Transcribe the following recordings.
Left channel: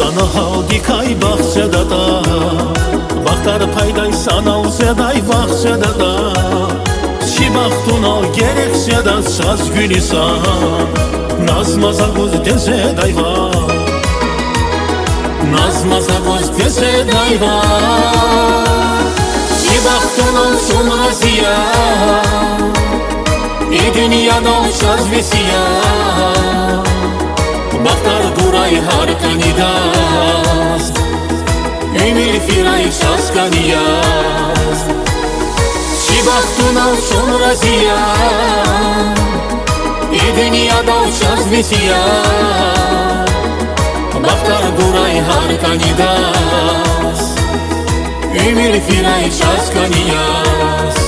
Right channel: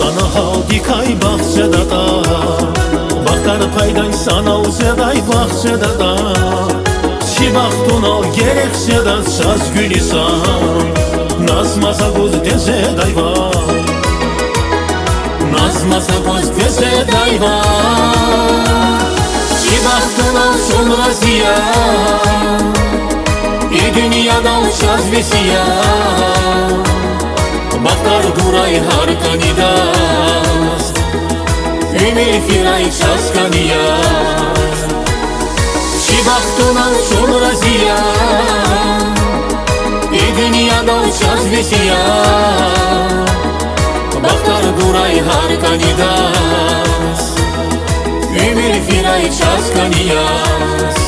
Danahal dikay bahçede da, baktar payday sanal zeday bahçede da. Çi baktun al gerekse de saz gülisan, nazmaza göz deze dayva, nazmaza göz deze dayva. Çi baktun al sonra ziyan, dünyada uçaz vesiya. Baktar guray harkanidaz, ümir firay çaskaniyaz. Çi baktuna sonra ziyan, dünyada uçaz vesiya. Baktar guray harkanidaz, ümir firay çaskaniyaz.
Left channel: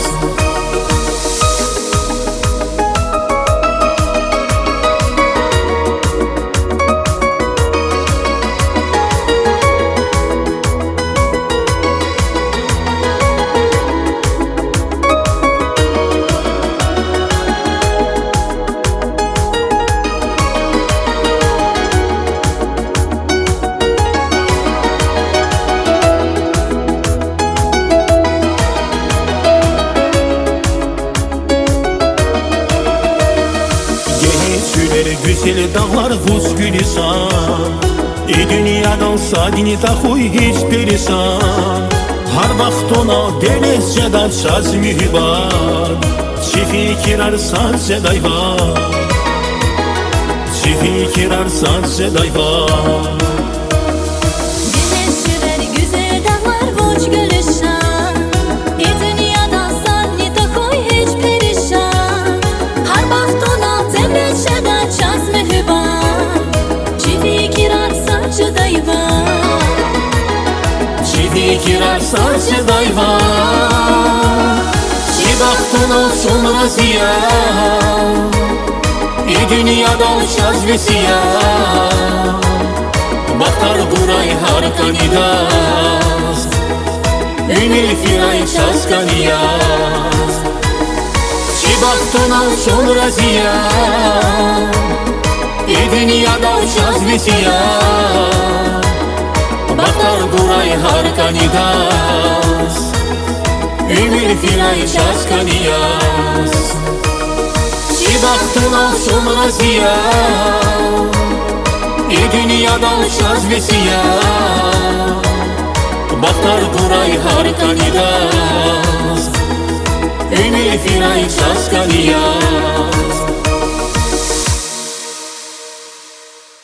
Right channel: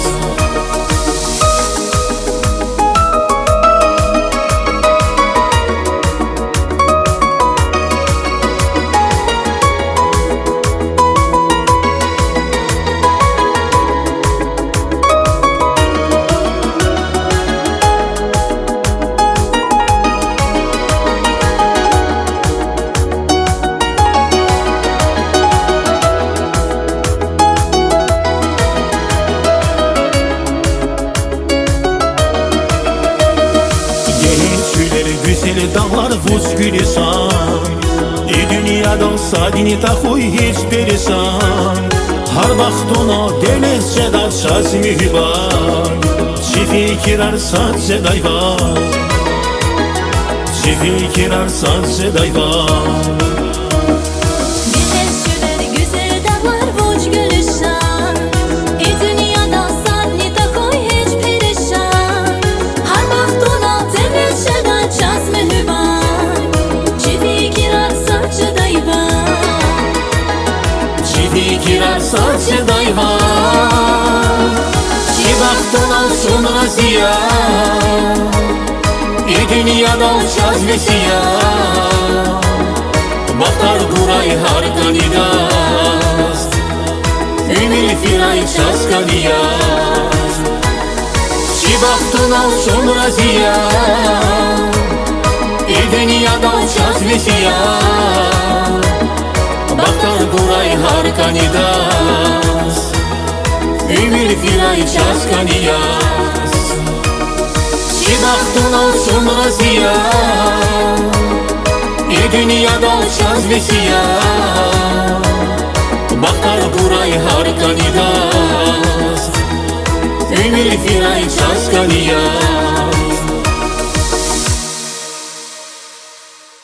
Geçüleri güzel dağlar vuz gülisan, dünyada sadini tahuy hiç perisan. Har baktona denizce da çaz mühban, çi fikir arsan zedayvan, çi fikir arsan zedayvan. Fikir arsan sedayva, çi baktuna sonra ziyan, dünyada uçaz vesiya. Baktar guray harkanidaz, ümir firay çaskaniyaz. Çi baktuna sonra ziyan, dünyada uçaz vesiya. Baktar guray harkanidaz, ümir firay çaskaniyaz. Çi baktuna sonra ziyan, dünyada uçaz vesiya. Baktar guray harkanidaz, ümir firay çaskaniyaz.